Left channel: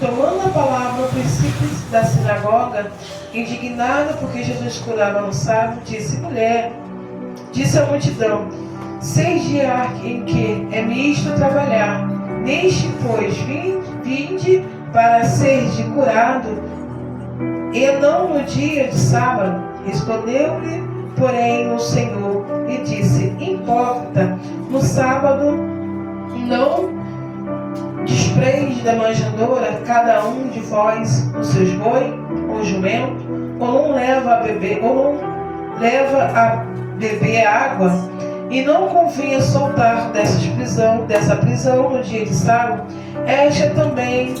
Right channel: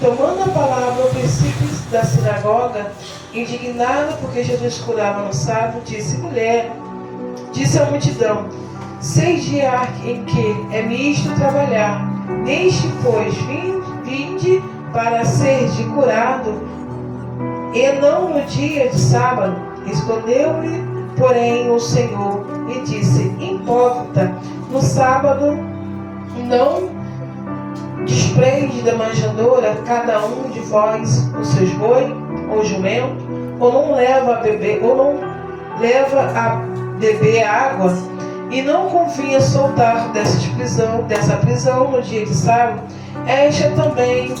Tomando a palavra, o princípio da sinagoga, indignado porque Jesus curava no sábado, disse: mulher, disse à multidão: 6 dias em que é misto trabalhar, neste, pois, vinde para ser de curado, e não no dia de sábado. Respondeu-lhe, porém, o Senhor e disse: importa, no sábado não desprende da manjedoura cada um de vós os seus boi ou jumento, ou não leva a beber água, e não convinha soltar dessa prisão no dia de sábado. Esta também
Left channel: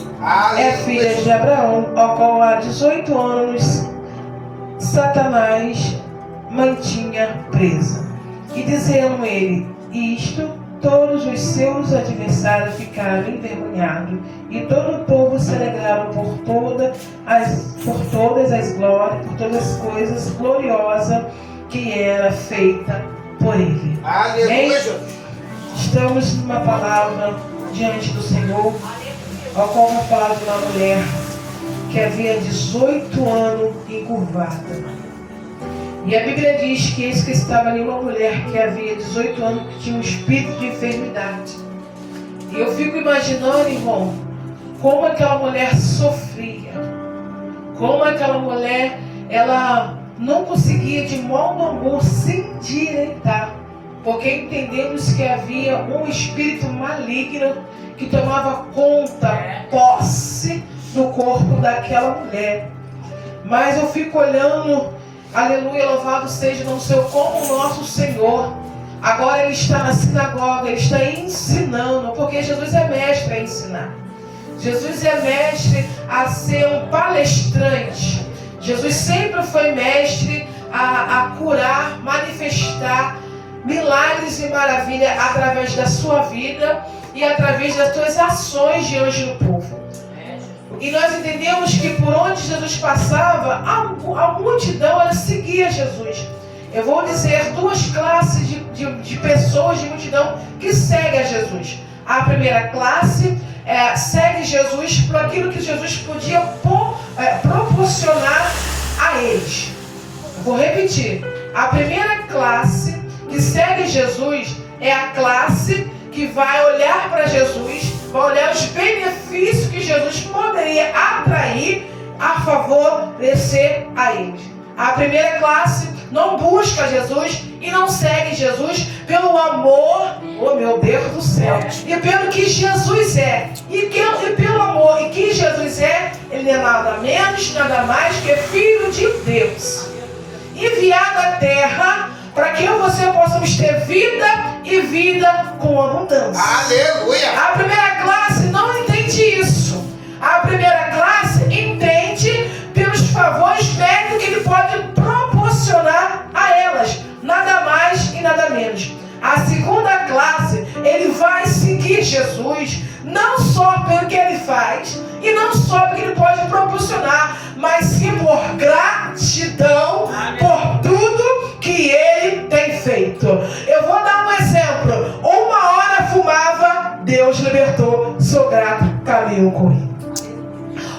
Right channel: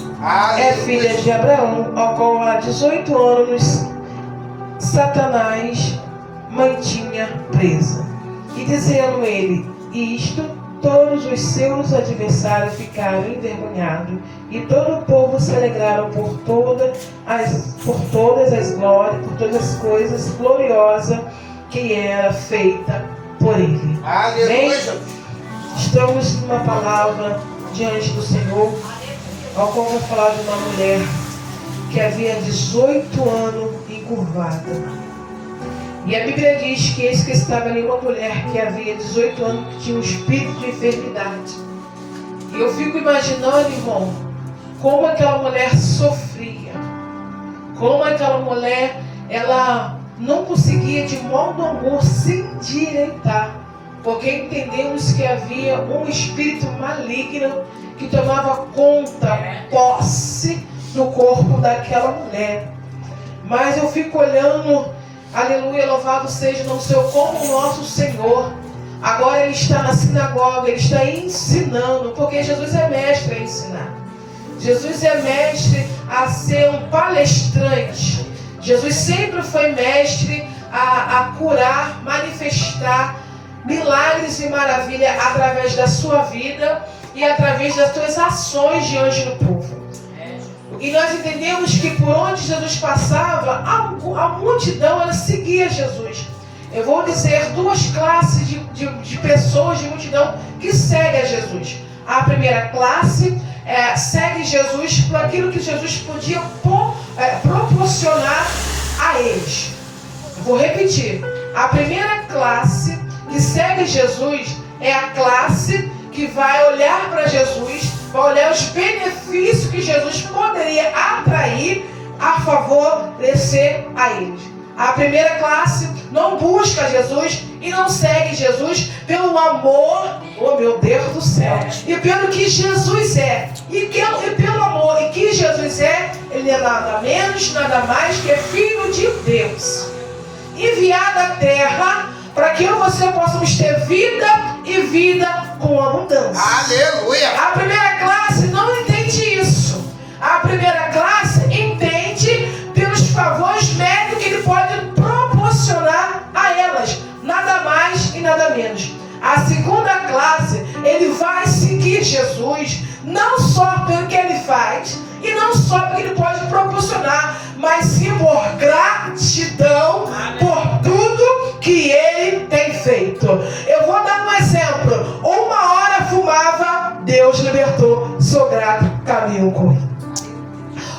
é filha de Abraão, ao qual há 18 anos Satanás mantinha presa. E dizendo ele isto, todos os seus adversários ficaram envergonhados, e todo o povo se alegraram por todas as coisas gloriosas que era feita por ele. Aleluia. Estamos numa palavra diante do Senhor, ao qual vou falar de uma mulher que havia 18 anos encurvada. E a Bíblia diz que esse que estava ali, uma mulher que havia 18 anos, que tinha um espírito de enfermidade. E eu fico imaginando, irmão, como aquela mulher sofria. Como aquela mulher, ela não conseguia de modo algum se endireitar. Porque entendemos que havia um espírito maligno que tomava conta, posse do corpo daquela mulher. Mas eu fico olhando, aleluia, louvado seja o nome do Senhor, como o nosso Senhor. Agora Ele está na sinagoga, Ele está ensinando, porque Jesus é mestre a ensinar. Jesus é mestre a ser um palestrante. Jesus sempre foi mestre a curar, manifestar milagres e maravilhas através da sua vida e através das suas ações diante do povo. E nós entendemos que por onde Jesus passava, a multidão ela seguia Jesus. Eu vou dizer 2 classes de pessoas, de multidão, que seguem a Jesus. A primeira classe segue Jesus por aquilo que Jesus podia proporcionar a eles. Eu vou repetir. A primeira classe que segue Jesus é a classe que vai olhar para Jesus, vai olhar os benefícios que Jesus poderia atrair a favorecer a eles. A primeira classe não busca Jesus e não segue Jesus pelo amor, oh meu Deus do céu, e pelo que Jesus é. E pelo amor e que Jesus é, Ele é nada menos, nada mais que Filho de Deus, enviado à terra para que eu e você possamos ter vida e vida com abundância. Aleluia! A primeira classe não entende isso. A primeira classe entende pelos favores médicos que Ele pode proporcionar a elas, nada mais e nada menos. A segunda classe, ele vai seguir Jesus, não só pelo que Ele faz, e não só pelo que Ele pode proporcionar, mas sim por gratidão, por tudo que Ele tem feito. Eu vou dar um exemplo. 1 hora fumava, Deus libertou, sou grato, caminho com Ele.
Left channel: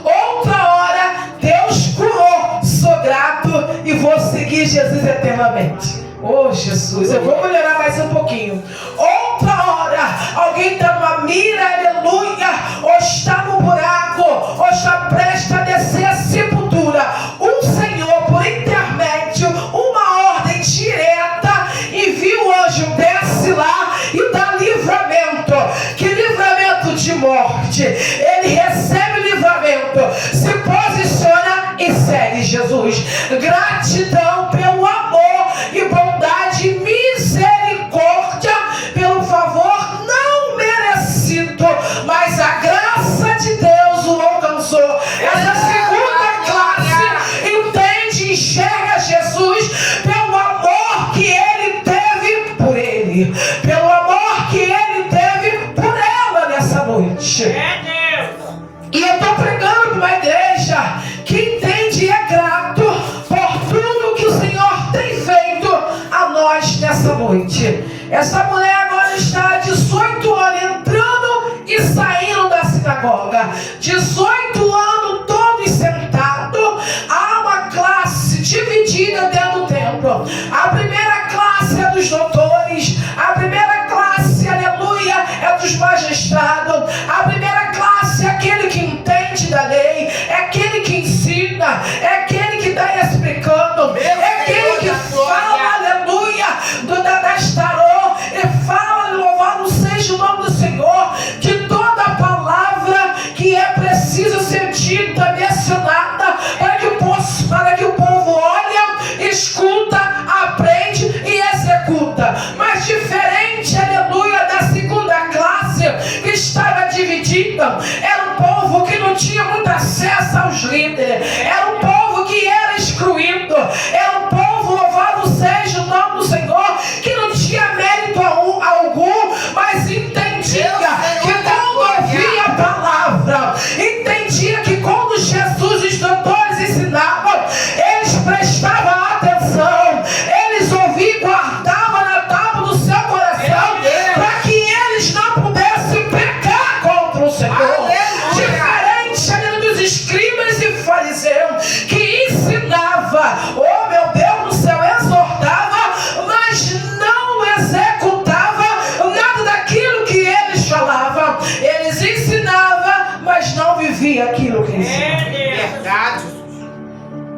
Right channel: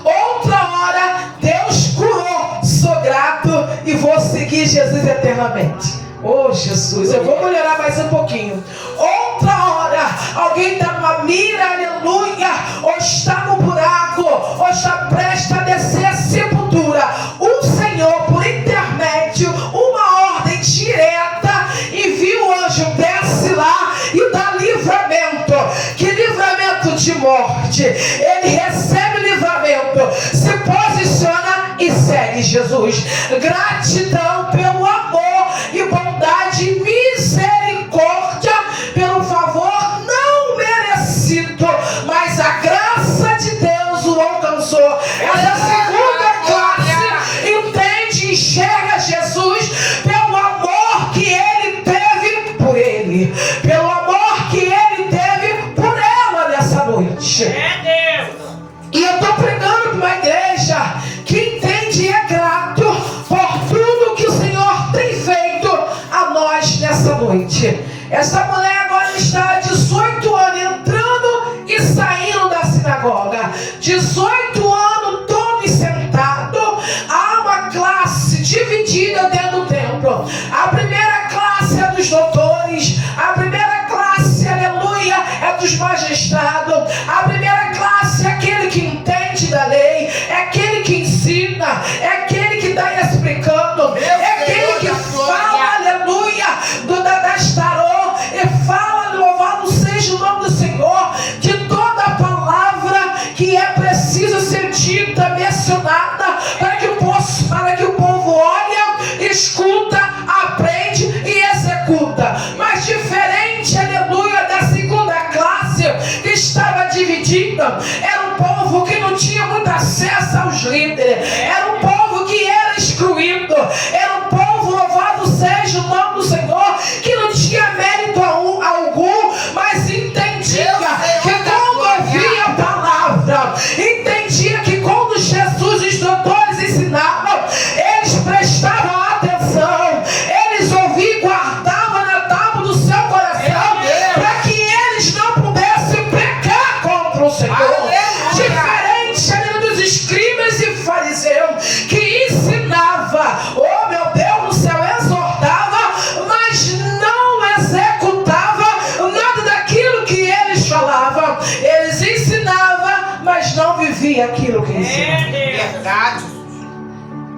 Outra hora, Deus curou, sou grato e vou seguir Jesus eternamente. Oh Jesus, eu vou melhorar mais um pouquinho. Outra hora, alguém está numa mira, aleluia, ou está no buraco, ou está prestes a descer a sepultura. O Senhor, por intermédio, uma ordem direta, envia o anjo, desce lá e dá livramento. Que livramento de morte? Ele recebe livramento, se posiciona e segue Jesus. Gratidão pelo amor e bondade e misericórdia, pelo favor não merecido, mas a graça de Deus o alcançou. Essa segunda classe entende, enxerga Jesus pelo amor que Ele teve por ele, pelo amor que Ele teve por ela nessa noite. E eu estou pregando para uma igreja que entende e é grato por tudo que o Senhor 18 anos todos sentados. Há uma classe dividida dentro do templo. A primeira classe é dos doutores. A primeira classe, aleluia, é dos magistrados. A primeira classe é aquele que entende da lei. É aquele que ensina. É aquele que está explicando. É aquele que fala, aleluia, das tarô. E fala, louvado seja o nome do Senhor, de toda a palavra que é preciso ser dita, mencionada, para que o povo olha, escuta, aprende e executa. Mas diferente, aleluia, da segunda classe que estava dividida, era um povo que não tinha muito acesso aos líderes, era um povo que era excluído, era um povo, louvado seja o nome do Senhor, que não tinha mérito algum, mas entendia que quando ouvia a palavra, entendia que quando Jesus e os doutores ensinavam, eles prestavam atenção, eles ouviam e guardavam na tábua do seu coração, para que eles não pudessem pecar contra o Senhor. Diferente dos escribas e fariseus, que ensinava, oh meu Deus do céu, exortava, mas não executava nada daquilo que eles falavam. Eles ensinavam, mas não viviam aquilo que ensinavam. Verdade.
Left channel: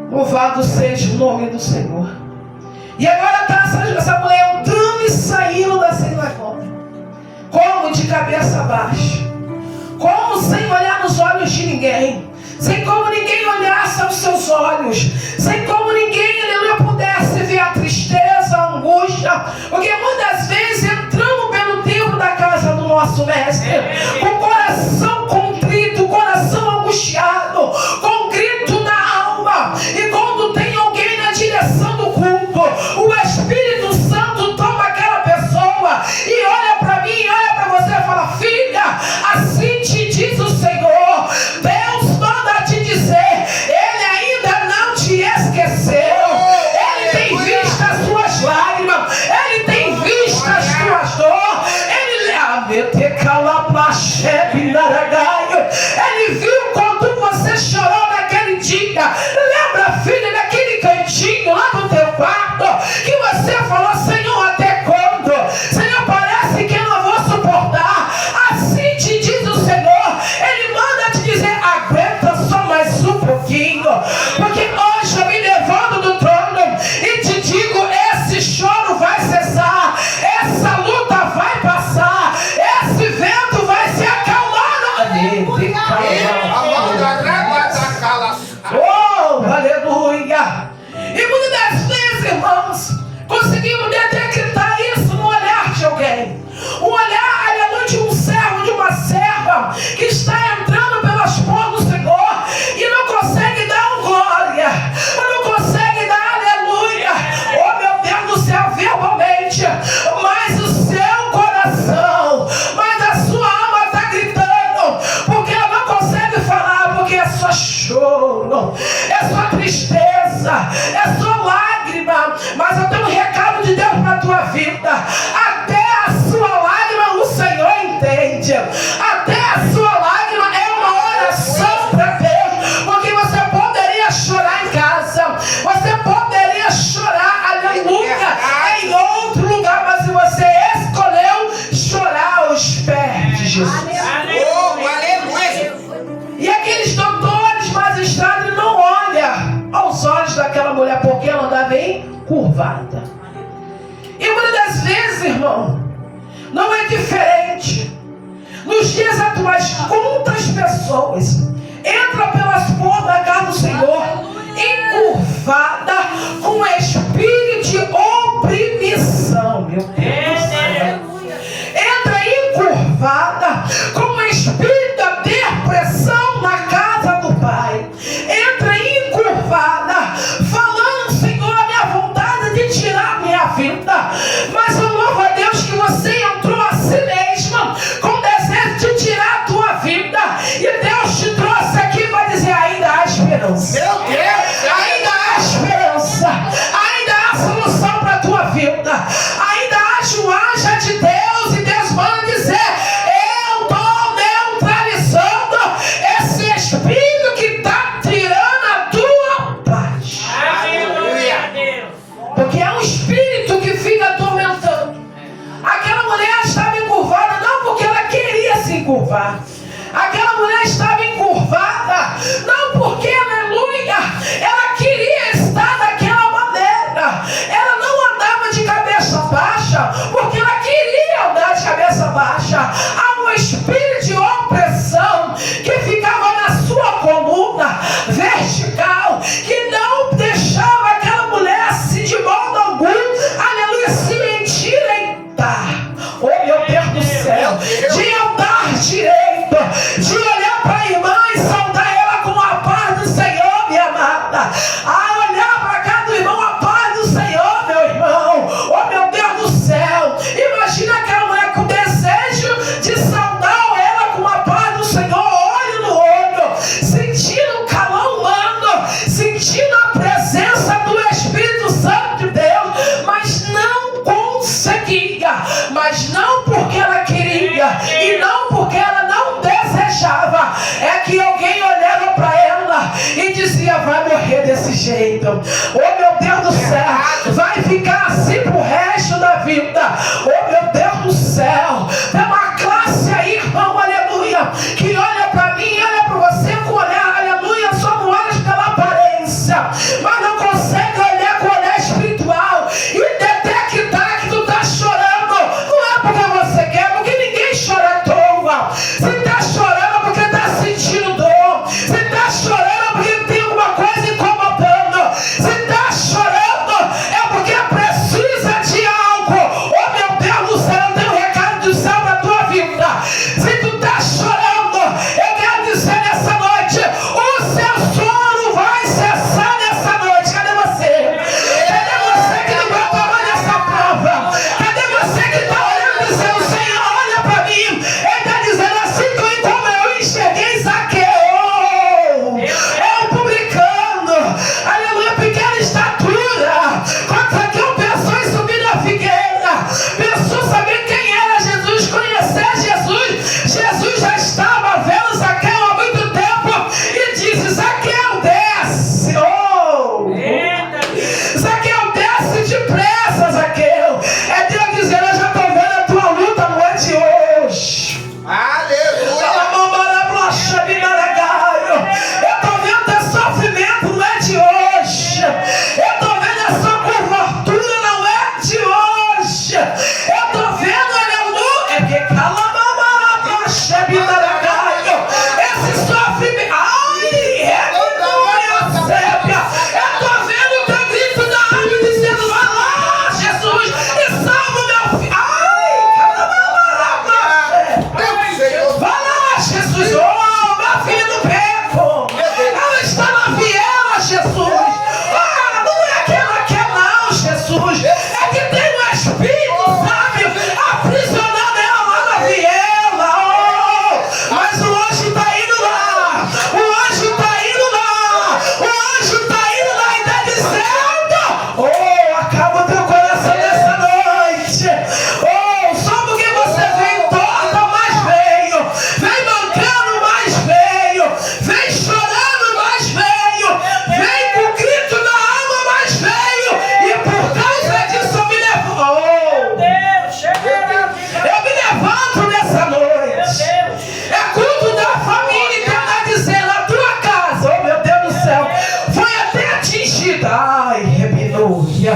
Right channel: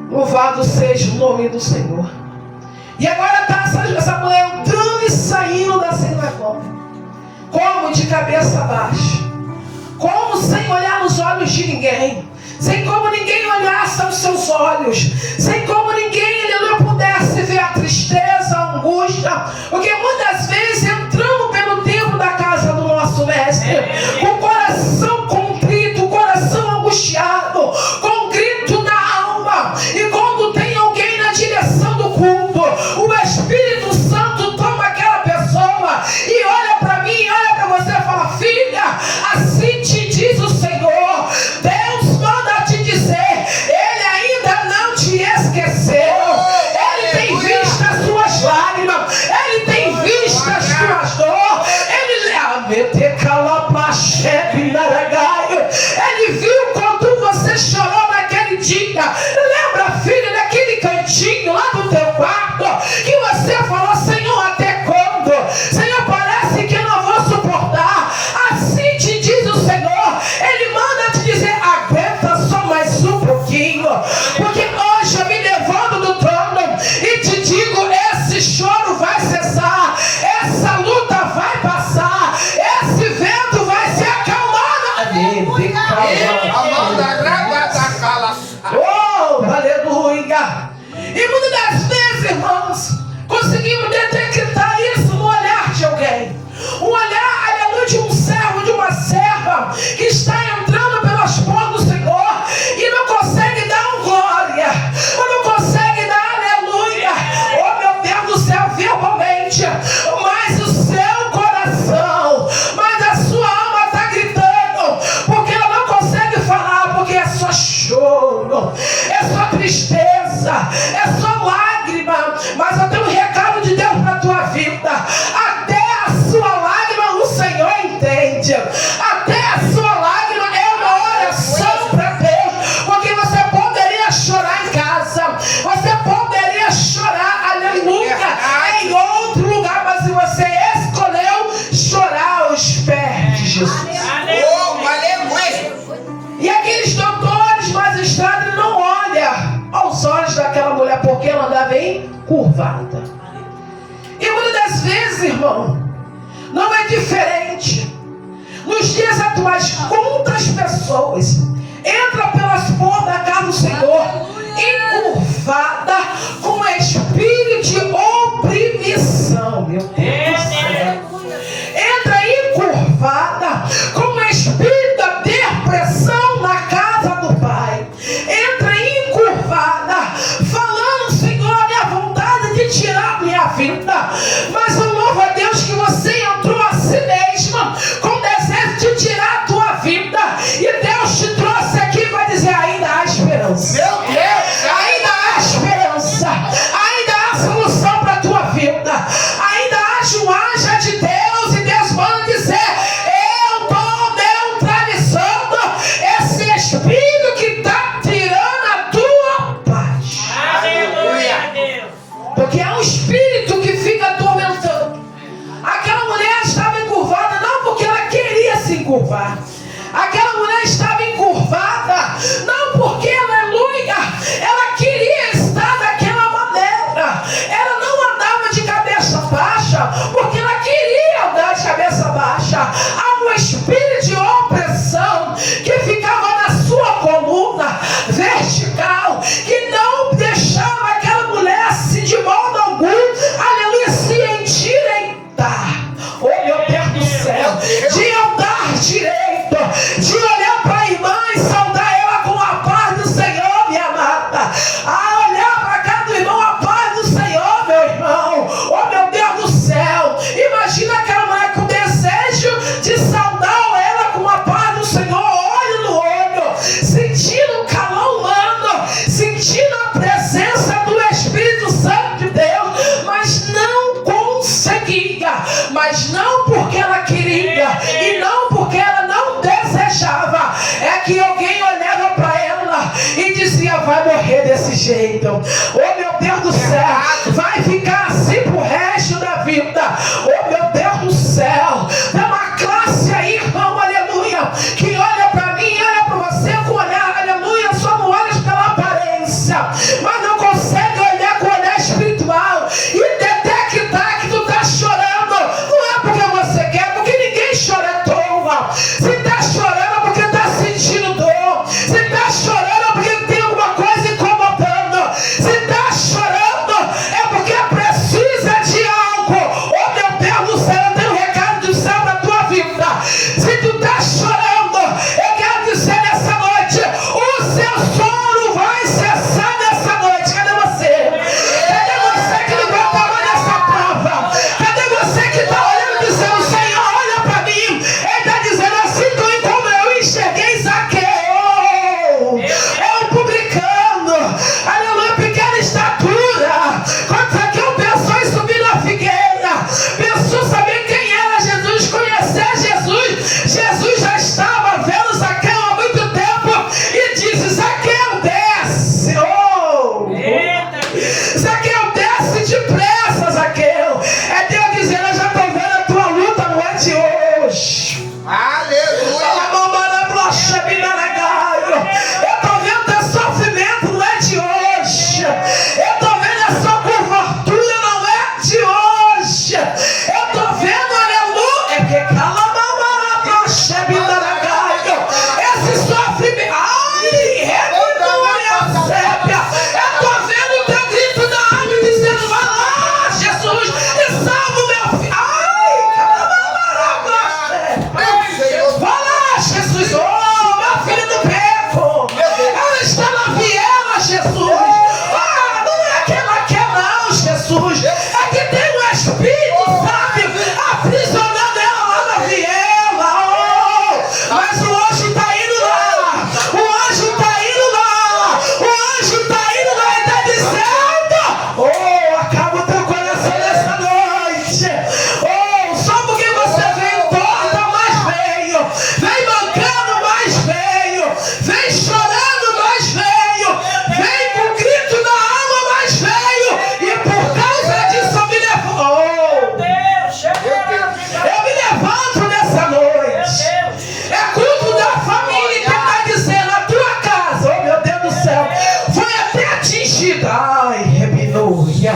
Louvado seja o nome do Senhor. E agora está essa mulher entrando e saindo da sinagoga, como de cabeça baixa, como sem olhar nos olhos de ninguém, sem como ninguém olhasse aos seus olhos, sem como ninguém pudesse ver a tristeza, a angústia, porque muitas vezes entramos pelo templo da casa do nosso mestre, com o coração contrito, o coração angustiado, com um grito na alma, e quando tem alguém na direção do culto, o Espírito Santo toma aquela pessoa e olha para mim, olha para você e fala: filha, assim te diz o Senhor, Deus manda te dizer, Ele ainda não te esqueceu, Ele tem visto as suas lágrimas, Ele tem visto as tuas dores, Ele viu quando você chorou naquele dia. Lembra, filha, daquele cantinho lá do teu quarto, que você falou: Senhor, até quando? Senhor, parece que eu não vou suportar. Assim te diz o Senhor. Ele manda te dizer: aguenta só mais um pouquinho, porque hoje eu me levanto do trono e te digo: esse choro vai cessar, essa luta vai passar, esse vento vai se acalmar. Oh, aleluia! E muitas das vezes, irmãos, conseguimos detectar isso no olhar de alguém. Um olhar, aleluia, de um servo, de uma serva que está entrando pelas portas do Senhor e não consegue dar um glória, não consegue dar aleluia, oh meu Deus do céu, verbalmente, mas o seu coração, mas a sua alma está gritando, porque ela não consegue falar, porque é só choro, é só tristeza, é só lágrima. Mas eu tenho um recado de Deus para a tua vida: até a sua lágrima o Senhor entende, até a sua lágrima é uma oração para Deus, porque você poderia chorar em casa, você poderia chorar, aleluia, em outro lugar, mas você escolheu chorar aos pés de Jesus. E aqueles doutores, magistrados, não olham aos olhos daquela mulher, porque ela andava encurvada. E muitas das vezes, irmão, não é diferente. Nos dias atuais, quantas pessoas entram pelas portas da casa do Senhor encurvada, com espírito de oprimição, meu Deus do céu. Entra encurvada, com espírito da depressão na casa do Pai. Entra encurvada, falando: Senhor, minha vontade de tirar minha vida. Mas eu louvo a Deus que você entrou a si mesma com o desejo de tirar a tua vida. E Deus te trouxe aqui para dizer: ainda há esperança. Meu Deus! Ainda há esperança. e saudar ela com a paz do Senhor, minha amada. A olhar para cá do irmão, a paz do Senhor, meu irmão. Oh, meu Deus do céu. Imagina aquela mulher com desejo de saudar ela com a paz do Senhor, olho no olho, sentindo o calor humano, sentindo a presença do Espírito Santo de Deus, mas não conseguia, mas não porque ela queria e não porque ela não desejava. É que alguém olhava para ela e dizia: vai morrer desse jeito, oh meu Deus do céu, vai ficar assim pro resto da vida, oh meu Deus do céu. Tem uma classe aí, irmão, aleluia, que olha para mim, olha para você com olhar, aleluia, só não olha pela aparência, mas não consegue olhar com o olhar espiritual e detectar que tu tá chorando. Não é porque você quer, porque ninguém chora à toa. Você tá chorando porque tá sentindo dor, você tá chorando porque tem alguma coisa incomodando, você tá chorando é porque precisa de algo. Oh meu Deus do céu, eu tenho um recado do céu na tua vida. Se tu tá chorando, eu quero dizer nessa noite, o seu sono vai cessar nessa noite. Cadê você? Cadê você que não vai tamanho nessa prova? Cadê você que está olhando dizendo: Senhor, olha para mim? Ele está dizendo assim como eu enxerguei Zaqueu. É um publicano, aleluia, pequena estatura. Quando Zaqueu pensou em subir na figueira, pensou saber quem era Jesus, conhecer Jesus. Jesus já estava vendo Zaqueu há muito tempo e disse: Zaqueu, desce. Oh! Zaqueu, desce depressa, Zaqueu. É Deus dizendo: eu já estou vendo a tua luta, não é de hoje. Aleluia. Eu estou vendo teu sofrimento, não é de hoje. Eu estou vendo a sua curvatura, não é de hoje. Eu estou vendo, aleluia, é que esse sofrimento, ai, aleluia, sépia. Eu estou vendo o teu grito da alma dizendo: vai lá, Jesus, e salva o meu filho. Vai lá, Jesus, oh, meu filho do beco, ela está na viela, Jesus. Ah, não é que ela quer não, Jesus, é que tem um espírito, sabe, aprisionado ela lá na viela. Oh, mas o anjo está indo lá, o anjo está indo lá, o anjo está indo lá e está dizendo: oh, acaba o teu coração nessa noite. Oh, só porque você veio torta, mas veio, vem mancando, mas veio, vem chorando, mas veio, vem com o grito da alma, mas veio, e por causa disso eu me levanto. Eu me levanto nessa noite. É culto da família que está dizendo: a tua casa, oh meu Deus do céu, foi até atingida. Ai, aleluia.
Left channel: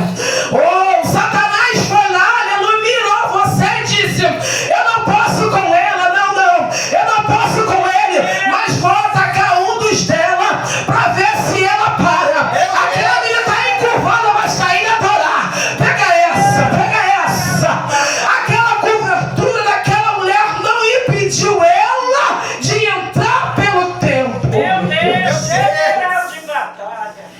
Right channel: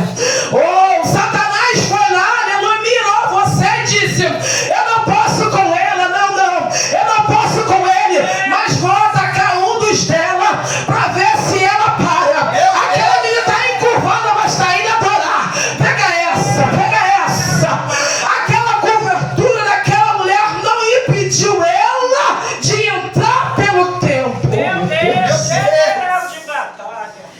Oh, Satanás foi lá, aleluia, mirou você e disse: eu não posso com ela, não, eu não posso com ele, mas vou atacar um dos dela para ver se ela para. Aquela menina está encurvada, mas está indo adorar. Pega essa. Aquela cobertura daquela mulher não impediu ela de entrar pelo templo.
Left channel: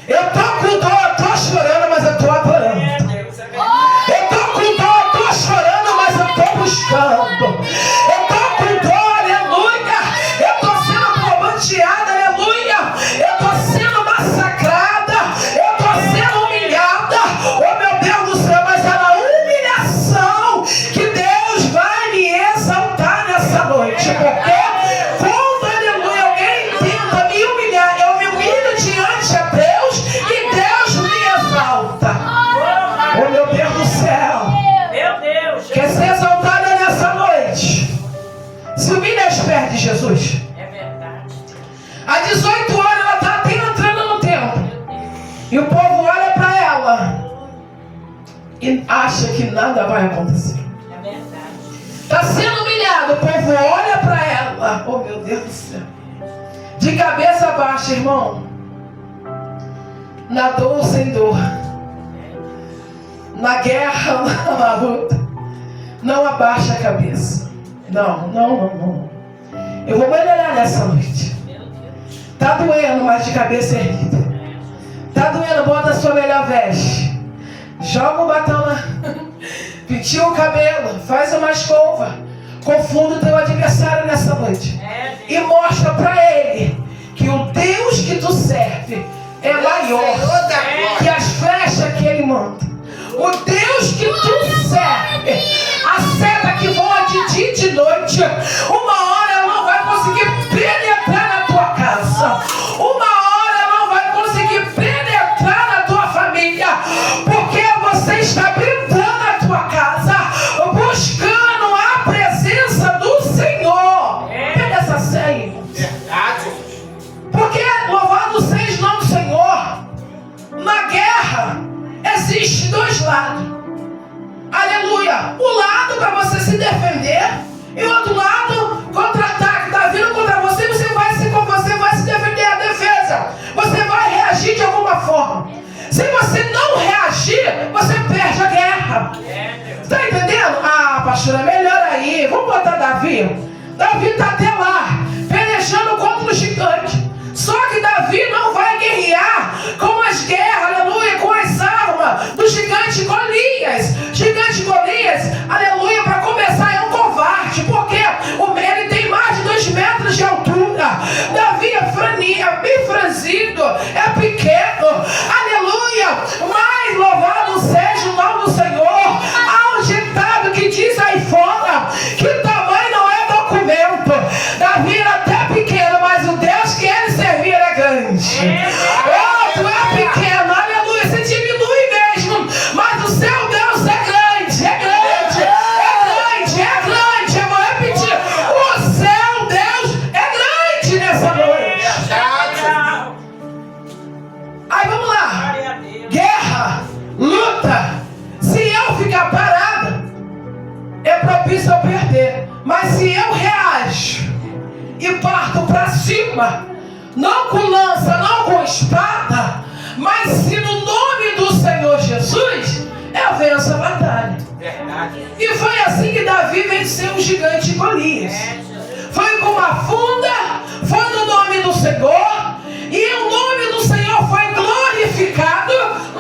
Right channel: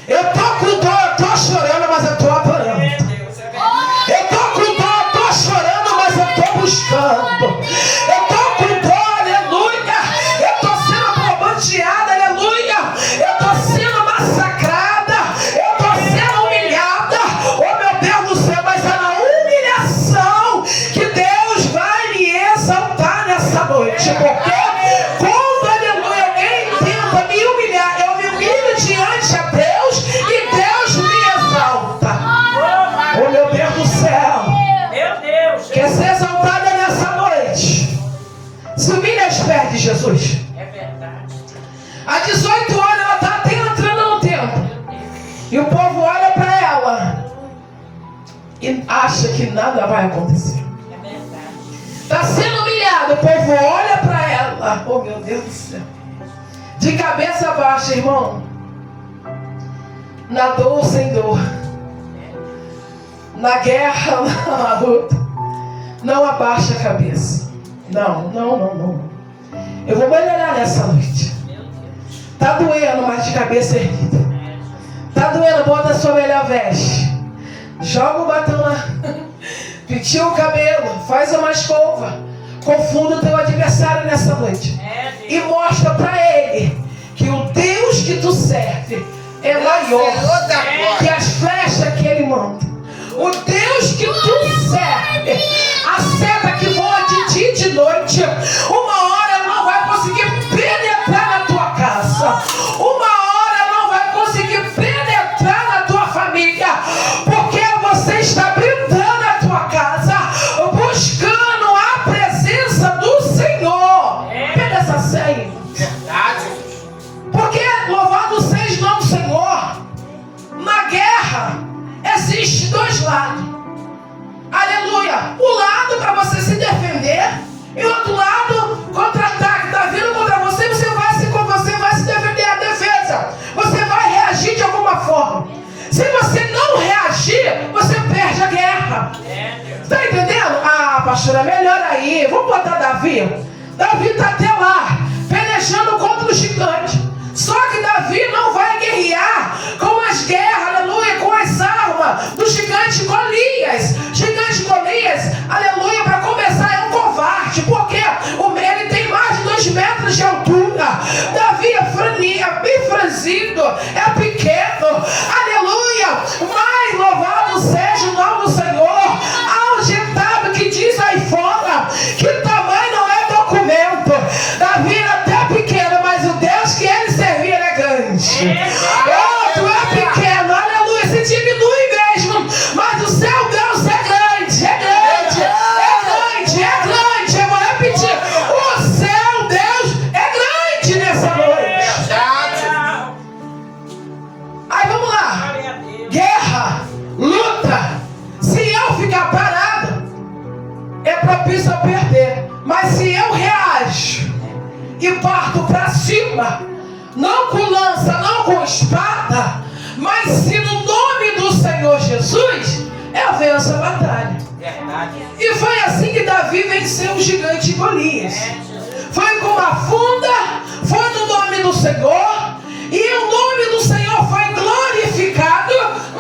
Eu tô com dor, eu tô chorando, mas eu tô adorando. Eu tô com dor, eu tô chorando, mas eu tô buscando. Eu tô com dor, aleluia. Eu tô sendo bombardeada, aleluia. Eu tô sendo massacrada. Eu tô sendo humilhada. Oh meu Deus do céu, mas é na humilhação que Deus vai me exaltar nessa noite. Porque quando, aleluia, alguém tenta me humilhar, eu me humilho diante a Deus e Deus me exalta. Oh meu Deus do céu. Quer ser exaltada nessa noite? Se humilha aos pés de Jesus. É verdade. Há 18 horas ela está até entrando no templo. E o povo olha para ela e acha que nada vai acontecer. É verdade. Está sendo humilhado, o povo olha para ela. Oh meu Deus do céu. De cabeça baixa, irmão. Na dor ou sem dor. Na guerra, na luta. Não abaixa a cabeça. Não. Eu vou melhorar nessa noite. Meu Deus. Tá doendo, mas de cabeça erguida. Tá doendo, bota a sua melhor veste. Joga o batom na... Penteia o cabelo, faz uma escova. Confunda o teu adversário nessa noite. E mostra pra ele que o Deus que tu serve é maior que as flechas que ele manda. O Deus que tu serve, a seta que voa de dia e de noite, uma hora ela não vai conseguir penetrar na tua casa. Uma hora ela não vai conseguir penetrar na tua família, porque você está blindando a tua casa, buscando a presença do Senhor. Pega essa senha. Porque louvado seja o nome do Senhor. Na guerra existe dois lados. Aleluia. O lado para você se defender e o outro lado contra-ataque. Está vindo contra você, você vai se defender a defesa. Você vai reagir de alguma forma. Se você não reagir, você perde a guerra. Está entendendo? Ah, pastor, é melhor aí. Vamos botar Davi. Davi está até lá, pelejando contra o gigante. Só que Davi não vai guerrear com as guerras, aleluia, com as armas do gigante Golias. Gigante Golias, aleluia, para começar é um covarde, porque ele tem mais de 2 metros de altura. Davi é bem franzido, é pequeno, aleluia. Mas louvado seja o nome do Senhor. Há um ditado que diz aí fora que tamanho não é documento. Davi era até pequeno, mas o Deus que ele servia era grande. Outro é pequeno, aleluia, se diminui mesmo, mas o seu Deus é grande, é grande, é grande, é grande. Eu vou repetir, o seu Deus é grande nessa noite. Aí vamos lá, guerra, luta. Se eu ficar parado, é propício a perder. Mas se eu reajo e parto para cima, não com lança, não com espada, mas se no nome do Senhor Jesus, eu venço a batalha. E foi assim que Davi venceu o gigante Golias. Foi com uma funda, foi no nome do Senhor, e o nome do Senhor foi glorificado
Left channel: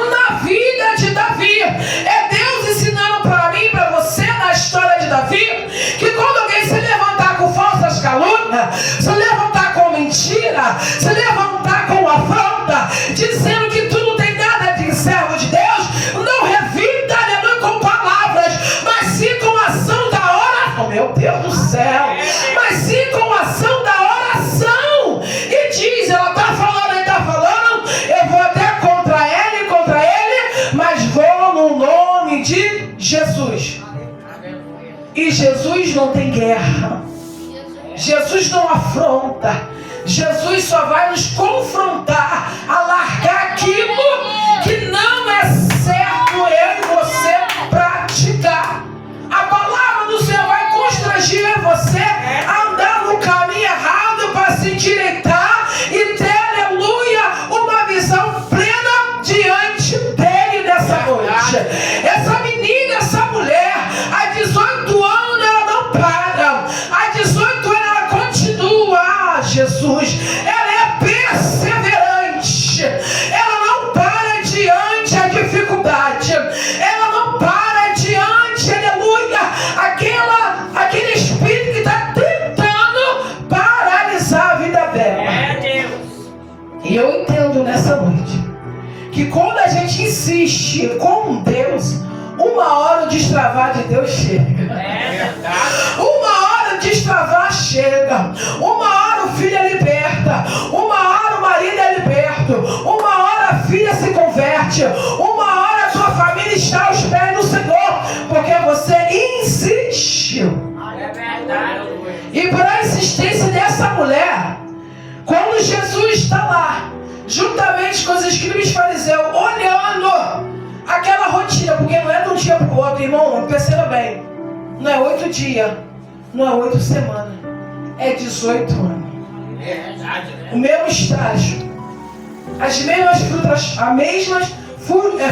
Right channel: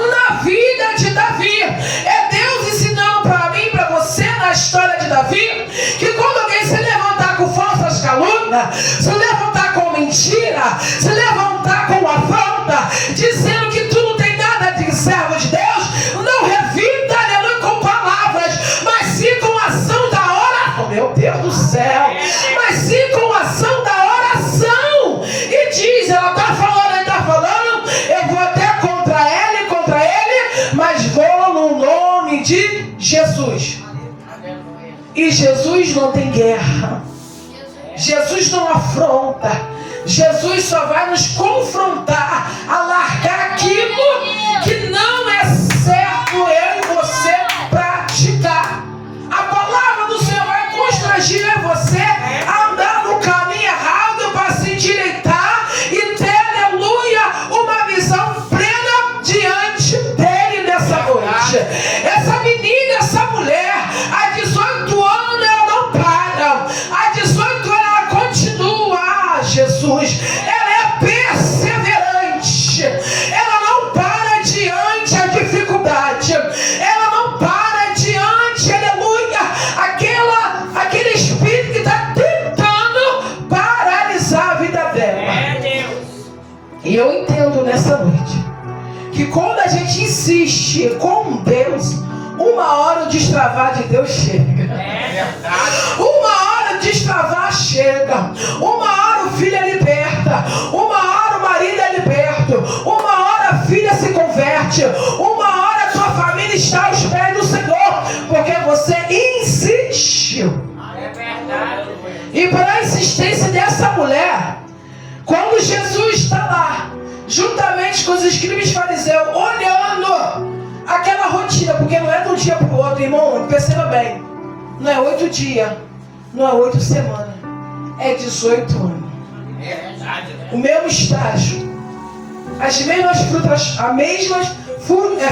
na vida de Davi. É Deus ensinando para mim e para você na história de Davi, que quando alguém se levantar com falsas calúnias, se levantar com mentira, se levantar com afronta, dizendo que tu não tem nada de servo de Deus, não revida, aleluia, com palavras, mas sim com a ação da oração. Meu Deus do céu, mas sim com a ação da oração. E diz, ela está falando, eu vou até contra ele, mas vou no nome de Jesus. E Jesus não tem guerra. Jesus não afronta. Jesus só vai nos confrontar a largar aquilo que não é certo eu e você praticar. A palavra do Senhor vai constranger você a andar no caminho errado para se endireitar e ter, aleluia, uma visão plena diante dele nessa noite. Essa menina, essa mulher, há 18 anos ela não para. Há 18 anos ela continua. Ah, Jesus, ela é perseverante. Ela não para diante a dificuldade. Ela não para diante, aleluia, aquele espírito que está tentando paralisar a vida dela. E eu entendo nessa noite que quando a gente insiste com Deus, uma hora o destravar de Deus chega. Uma hora o destravar chega. Uma hora o filho é liberta. Uma hora o marido é liberto. Uma hora a filha se converte. Uma hora a sua família está aos pés do Senhor, porque você insistiu. E pela insistência dessa mulher, quando Jesus está lá, juntamente com os escribas e fariseus, olhando aquela rotina, porque não é de um dia para o outro, irmão, perceba bem, não é 8 dias, não é 8 semanas, é 18 anos. O mesmo estágio, as mesmas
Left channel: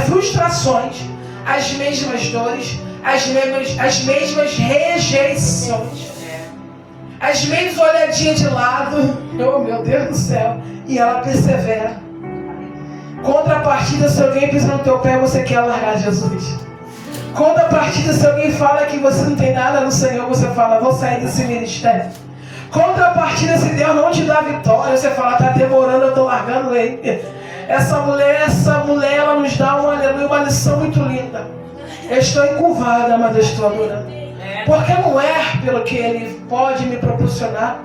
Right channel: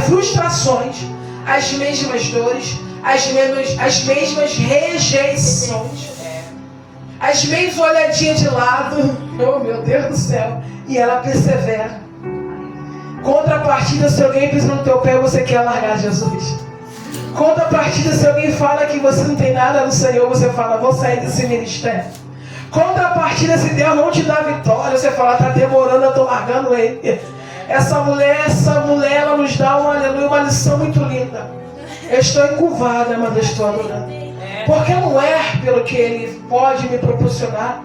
frustrações, as mesmas dores, as mesmas rejeições. As vezes olhadinha de lado, oh meu Deus do céu, e ela persevera. Contrapartida, se alguém pisa no teu pé, você quer largar Jesus. Contrapartida, se alguém fala que você não tem nada no Senhor, você fala, vou sair desse ministério. Contrapartida, se Deus não te dá vitória, você fala, está demorando, eu estou largando ele. Essa mulher, ela nos dá uma lição muito linda. Eu estou encurvada, mas eu estou adorando. Porque não é pelo que Ele pode me proporcionar.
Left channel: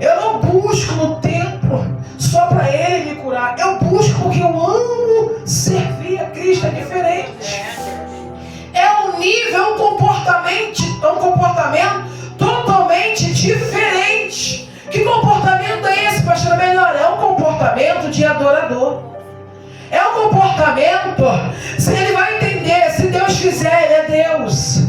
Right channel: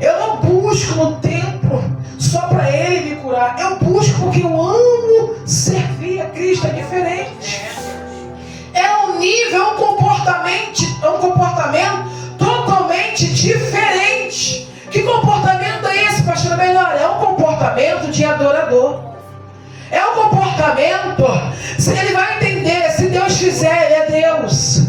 Eu não busco no templo só para Ele me curar. Eu busco porque eu amo servir a Cristo. É diferente. É um nível, um comportamento totalmente diferente. Que comportamento é esse, pastor? Melhor, é um comportamento de adorador. É um comportamento, se ele vai entender, se Deus fizer, ele é Deus.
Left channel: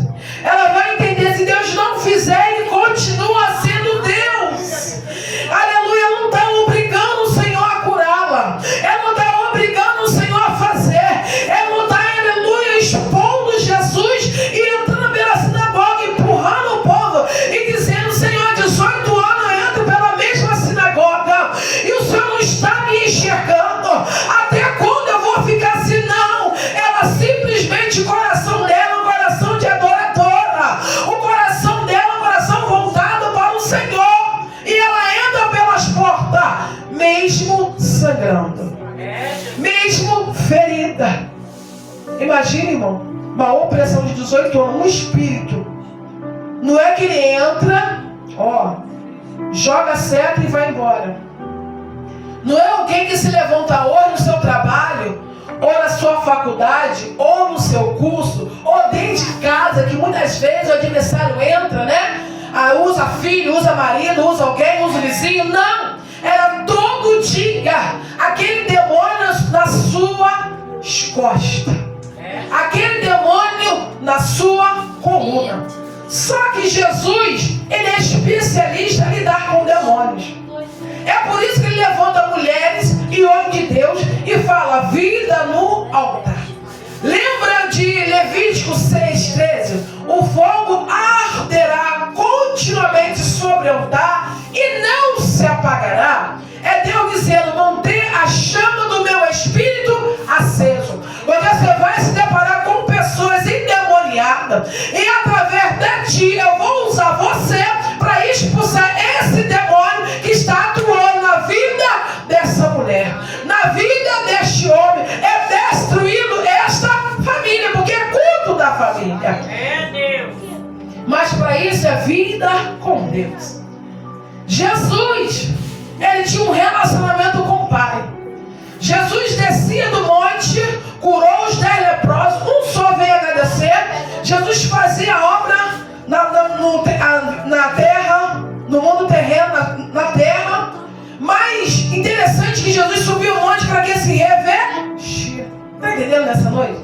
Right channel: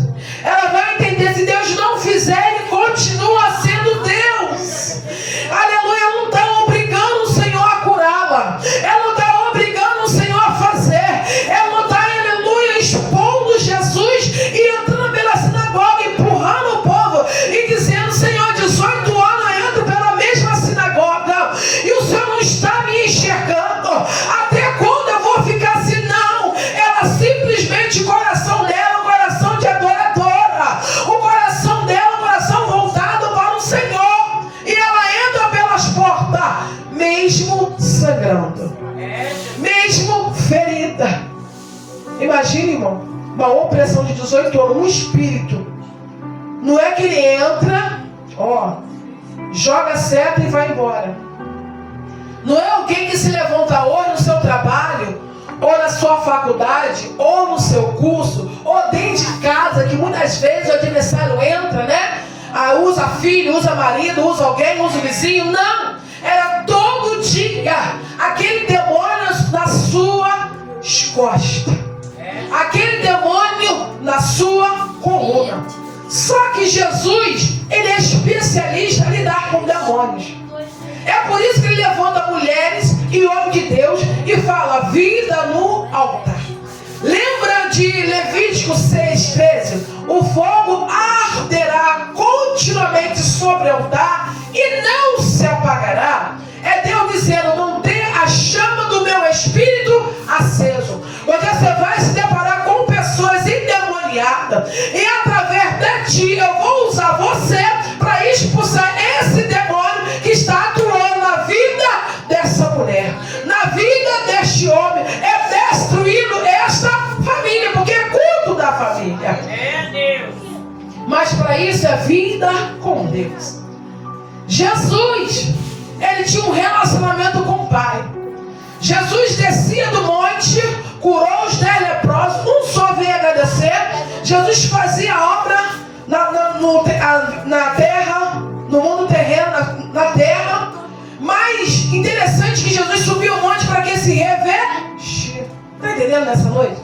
Ela vai entender, se Deus não fizer, ele continua sendo Deus. Aleluia, ela não está obrigando o Senhor a curá-la. Ela não está obrigando o Senhor a fazer. Ela não está, aleluia, expondo Jesus e entrando pela sinagoga, empurrando o povo e dizendo, Senhor, 18 anos eu entro pela mesma sinagoga e o Senhor não está me enxergando. Até quando eu vou ficar assim? Não. Ela simplesmente, o coração dela, o coração de adoradora, o coração dela, o coração voltado para o Senhor, e ela entra pelas portas, mesmo sangrando, mesmo ferida. Imagina, irmão, uma opressão de 18 anos, um espírito. Não é que ele entra, joga a seta e vai embora. Não é alguém que se levanta hoje no seu trabalho, ou na sua faculdade, ou no seu curso, ou dentro de casa, que muitas vezes o adversário entra, né? Usa filho, usa marido, usa alguém, usa o vizinho. Não! Era todo dia aquele demônio nas suas costas. Aquele demônio na sua coluna. Só que Jesus, ele é especialista em lidar com demônios. É por isso que ele levanta mulheres e homens de Deus e fala, vida no altar. Lembra de Levítico 6,13? O fogo arderá continuamente sobre o altar e não se apagará. É Deus dizendo, manter a chama do meu espírito aceso. Porque você vai se deparar com pessoas endemoniadas e através de ti eu vou usar você para expulsar esse demônio que está atuando na vida dessa mulher, na vida deste homem. É destruindo esta família, porque é culto da família. É Deus. Mas para isso é vida com Deus. Jesus, ele tinha um relacionamento com o Pai. Jesus descia do monte, curou os 10 leprosos, um só veio agradecer. Jesus fazia a obra na terra, no mundo terreno, na terra. Mas interessante que Jesus subiu o monte para que se revestir. Está entendendo nessa noite?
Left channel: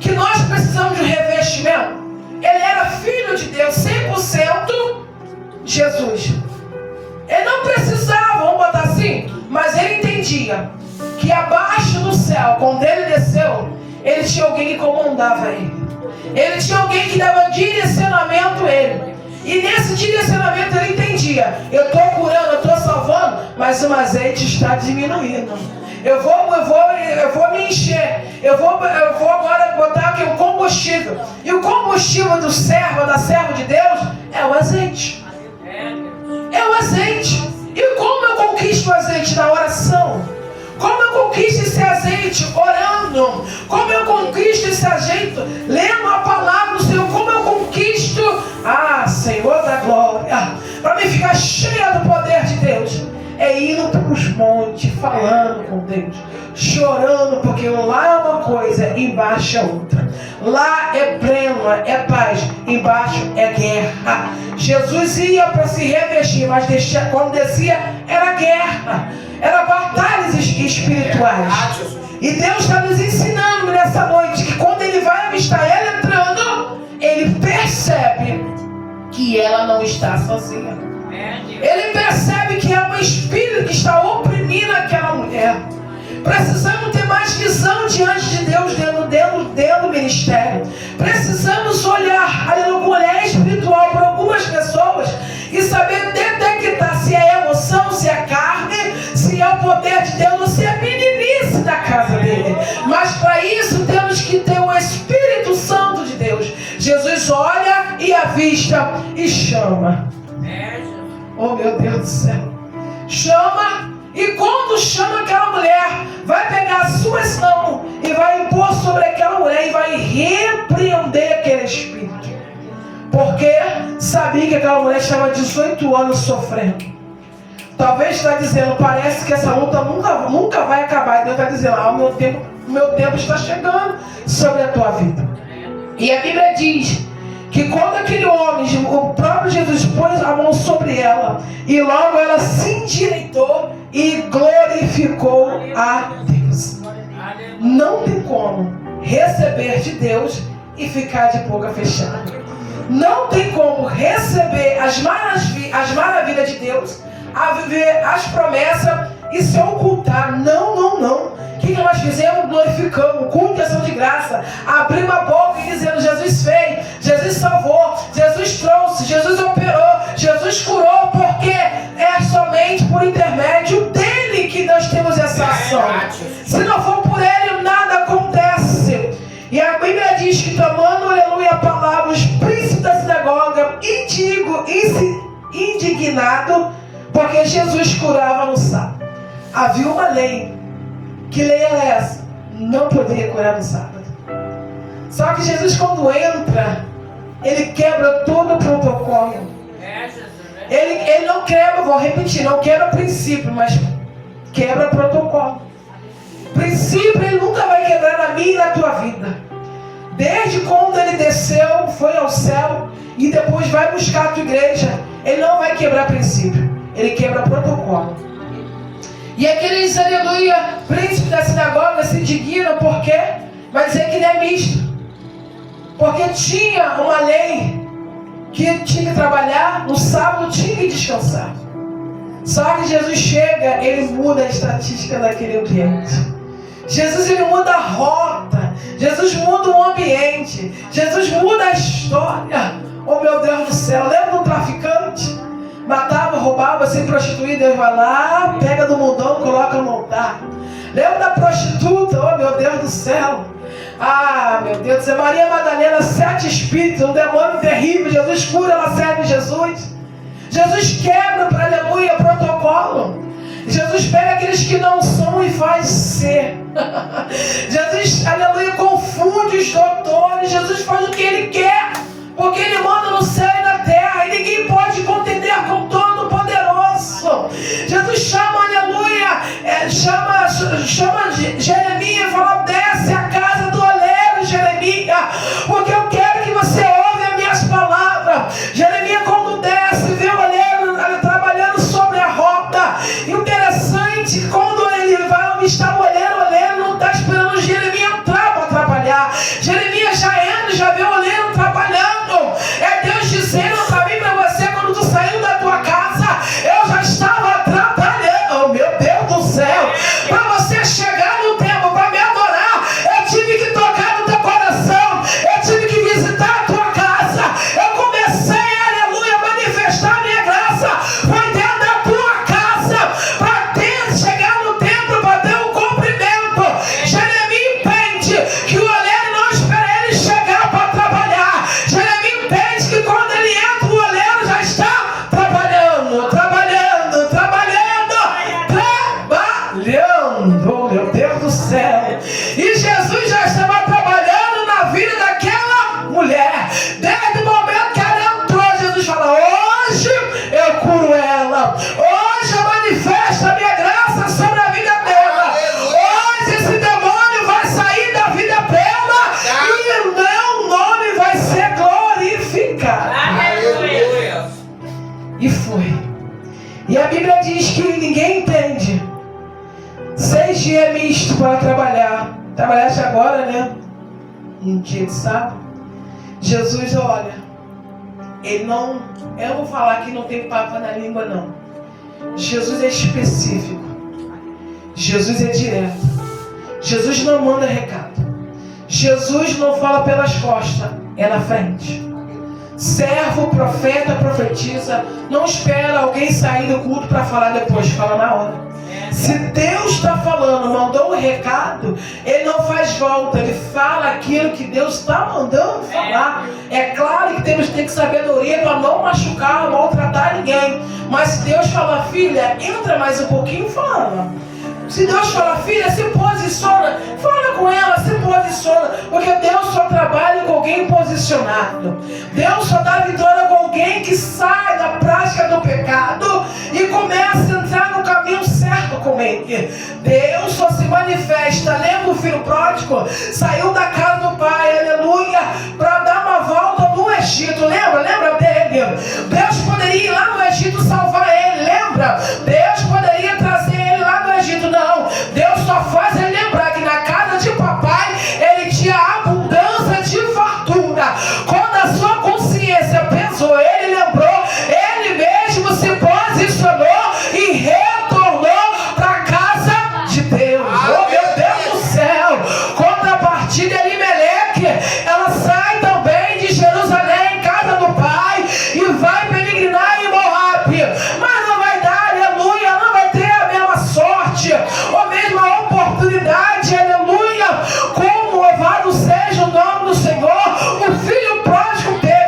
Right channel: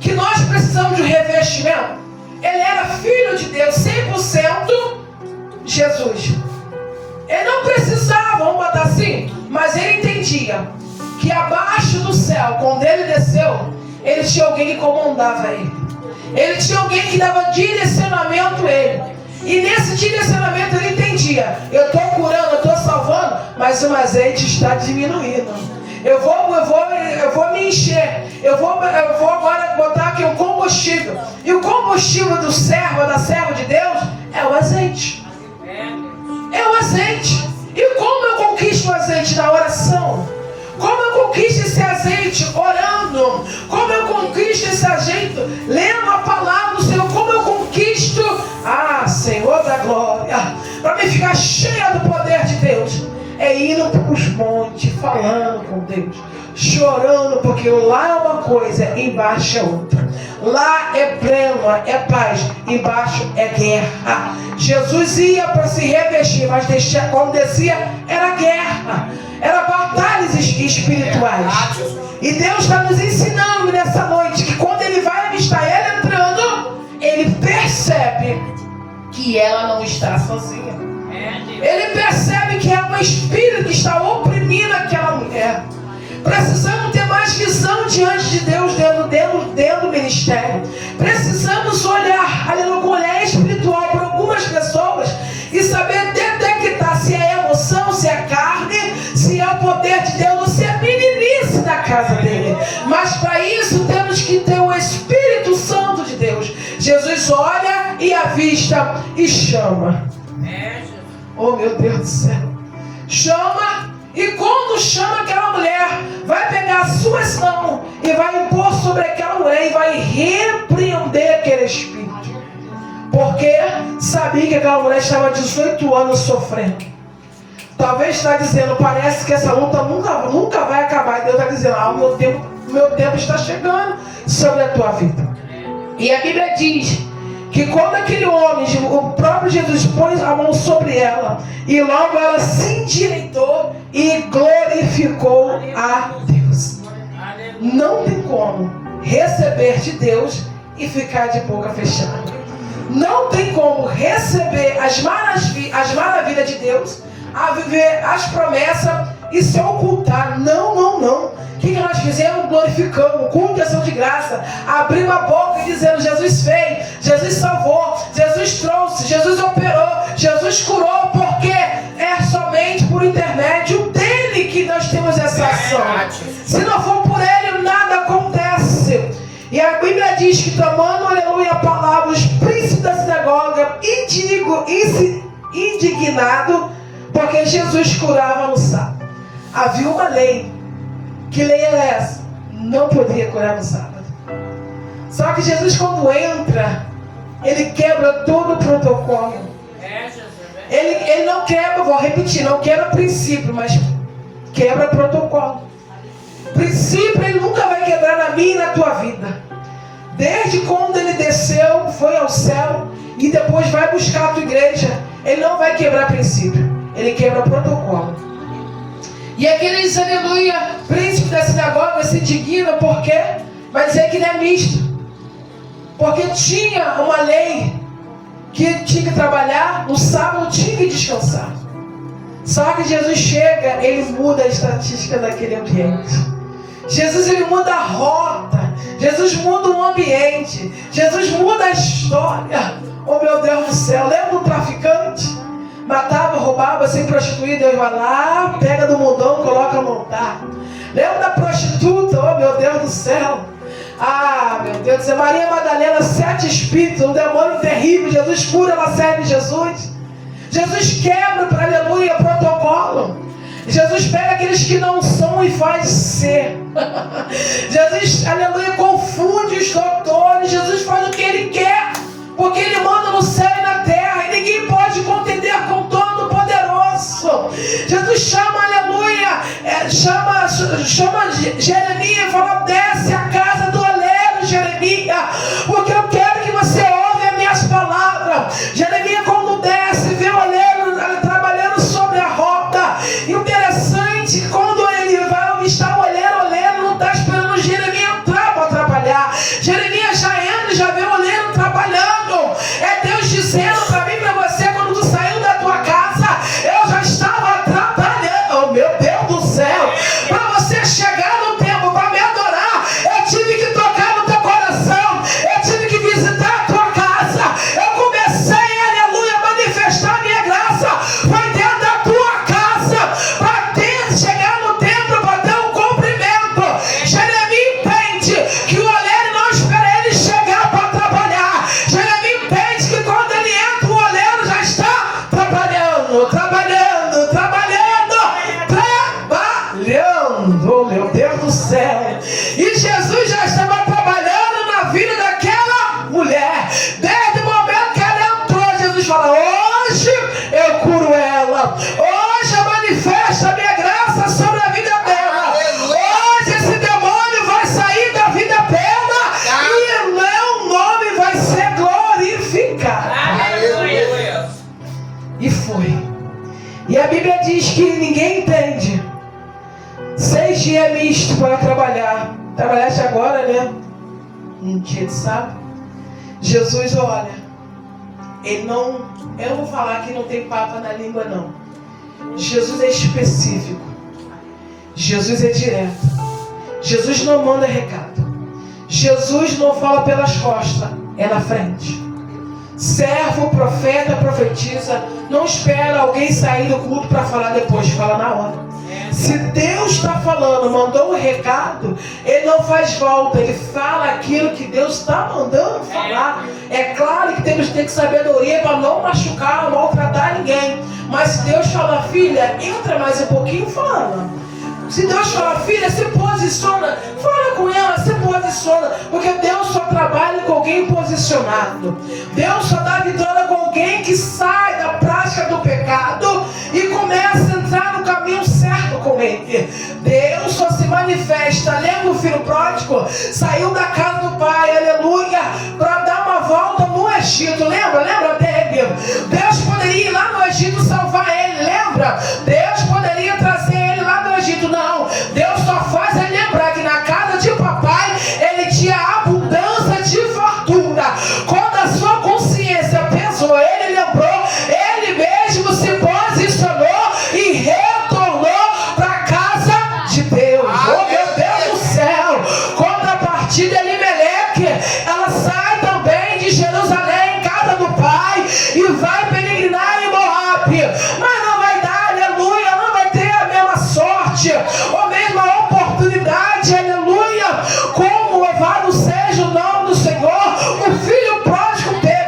Que nós precisamos de um revestimento. Ele era filho de Deus, 100% Jesus. Ele não precisava, vamos botar assim, mas ele entendia que abaixo do céu, quando ele desceu, ele tinha alguém que comandava ele. Ele tinha alguém que dava direcionamento a ele. E nesse direcionamento ele entendia, eu estou curando, eu estou salvando, mas o azeite está diminuindo. Eu vou me encher. Eu vou agora botar aqui um combustível. E o combustível do servo, da serva de Deus, é o azeite. É o azeite. E como eu conquisto o azeite? Na oração. Como eu conquisto esse azeite? Orando. Como eu conquisto esse azeite? Lendo a palavra do Senhor. Como eu conquisto? Senhor da glória. Para me ficar cheia do poder de Deus. É indo para os montes, falando com Deus. Chorando, porque lá é uma coisa, embaixo é outra. Lá é pleno, é paz. Embaixo é guerra. Jesus ia para se revestir, mas quando descia, era guerra. Era batalhas espirituais. E Deus está nos ensinando nessa noite que quando Ele vai avistar ela entrando, Ele percebe que ela não está sozinha. Ele percebe que é um espírito que está oprimindo aquela mulher. Precisamos ter mais visão diante de Deus dentro do ministério. Precisamos olhar, com olhar espiritual para algumas pessoas e saber poder de Deus, você é meninice na casa dele. Mas para isso temos que ter o Espírito Santo de Deus. Jesus olha e avista e chama. Oh, meu Deus do céu. Chama, e quando chama aquela mulher, vai pegar as suas mãos e vai impor sobre aquela mulher e vai repreender aquele espírito. Porque sabia que aquela mulher estava 18 anos sofrendo. Talvez está dizendo, parece que essa luta nunca vai acabar. E Deus está dizendo, o meu tempo está chegando sobre a tua vida. E a Bíblia diz que quando aquele homem, o próprio Jesus, pôs a mão sobre ela, e logo ela se endireitou e glorificou a Deus. Não tem como receber de Deus e ficar de boca fechada. Não tem como receber as maravilhas de Deus, a viver as promessas e se ocultar. Não. O que nós fizemos? Glorificamos, culto de ação de graça, abrimos a boca e dizendo, Jesus fez, Jesus salvou, Jesus trouxe, Jesus operou, Jesus curou, porque é somente por intermédio dele que nós temos essa ação. Se não for por ele, nada acontece. E a Bíblia diz que, tomando, aleluia, a palavra, os príncipes da sinagoga, indignado, porque Jesus curava no sábado. Havia uma lei. Que lei era essa? Não poderia curar no sábado. Só que Jesus, quando entra, ele quebra todo o protocolo. Ele não quebra, vou repetir, não quebra princípio, mas quebra protocolo. Princípio ele nunca vai quebrar na minha e na tua vida. Desde quando ele desceu, foi ao céu e depois vai buscar a tua igreja, ele não vai quebrar princípio, ele quebra protocolo. E aqueles, aleluia, príncipes da sinagoga se indignam, porque vai dizer que ele é misto. Porque tinha uma lei que tinha que trabalhar, no sábado tinha que descansar. Só que Jesus chega, ele muda a estatística daquele ambiente. Jesus, ele muda a rota. Jesus muda o ambiente. Jesus muda a história. Oh, meu Deus do céu, lembra do traficante? Matava, roubava, sem prostituído, ele vai lá, pega do mundão, coloca no altar. Lembra da prostituta? Oh, meu Deus do céu. Ah, meu Deus, é Maria Madalena, 7 espíritos, um demônio terrível. Jesus cura, ela serve Jesus. Jesus quebra, aleluia, protocolo. Jesus pega aqueles que não são e faz ser. Jesus, aleluia, confunde os doutores. Jesus faz o que ele quer, porque ele manda no céu e na terra, e ninguém pode contender com o Todo-Poderoso. Jesus chama, aleluia, chama Jeremias e fala, desce a casa do oleiro, Jeremias, porque eu quero que você ouve as minhas palavras. Jeremias, quando desce, vê o oleiro trabalhando sobre a rota. Interessante, quando ele vai avistar o oleiro não está esperando Jeremias entrar para trabalhar. Jeremias já entra, já vê o oleiro trabalhando. É Deus dizendo para mim, para você, quando tu saiu da tua casa, eu já estava trabalhando. Oh, meu Deus do céu, para você chegar no tempo para me adorar, eu tive que tocar no teu coração, eu tive que visitar a tua casa. Eu comecei, aleluia, a manifestar a minha graça, foi dentro da tua casa, para chegar no templo, para ter um cumprimento. Jeremias entende que o oleiro não espera ele chegar para trabalhar. Jeremias entende que quando ele entra, o oleiro já está trabalhando. Oh, meu Deus do céu. E Jesus já estava trabalhando na vida daquela mulher. Desde o momento que ela entrou, Jesus fala, hoje eu curo ela. Hoje eu manifesto a minha graça sobre a vida dela. Hoje esse demônio vai sair da vida dela e o meu nome vai ser glorificado. Aleluia. E foi. E a Bíblia diz que ninguém entende. 6 dias misto para trabalhar. Trabalhaste agora, né? Um dia de sábado. Jesus, olha, ele não, eu vou falar que não tem papo na língua, não. Jesus é específico. Jesus é direto. Jesus não manda recado. Jesus não fala pelas costas, é na frente. Servo, profeta, profetiza, não espera alguém sair do culto para falar depois, fala na hora. Se Deus está falando, mandou um recado, Ele não faz volta, Ele fala aquilo que Deus está mandando falar. É claro que temos que ter sabedoria para não machucar, não maltratar ninguém. Mas se Deus fala, filha, entra mais um pouquinho, fala. Se Deus fala, filha, se posiciona, fala com ela, se posiciona. Porque Deus só trabalha com alguém posicionado. Deus só dá vitória com alguém que sai da prática do pecado e começa a entrar no caminho certo com Ele. Deus só se manifesta. Lembra o filho pródigo? Saiu da casa do pai, aleluia, para dar uma volta no Egito. Lembra dele? Deus poderia ir lá no Egito salvar ele, lembra? Deus poderia trazer ele lá no Egito. Não, Deus só faz ele lembrar que na casa de papai ele tinha abundância de fartura. Quando a sua consciência pesou, ele lembrou, ele mesmo se posicionou e retornou para a casa de Deus. Oh, meu Deus do céu! Contrapartida, Elimeleque, ela sai também de Jerusalém, casa do pai, e vai peregrinar em Moabe. Mas não vai dar, aleluia, não vai ter a mesma sorte, ou mesma oportunidade, aleluia, como louvado seja o nome do Senhor, o filho pródigo teve.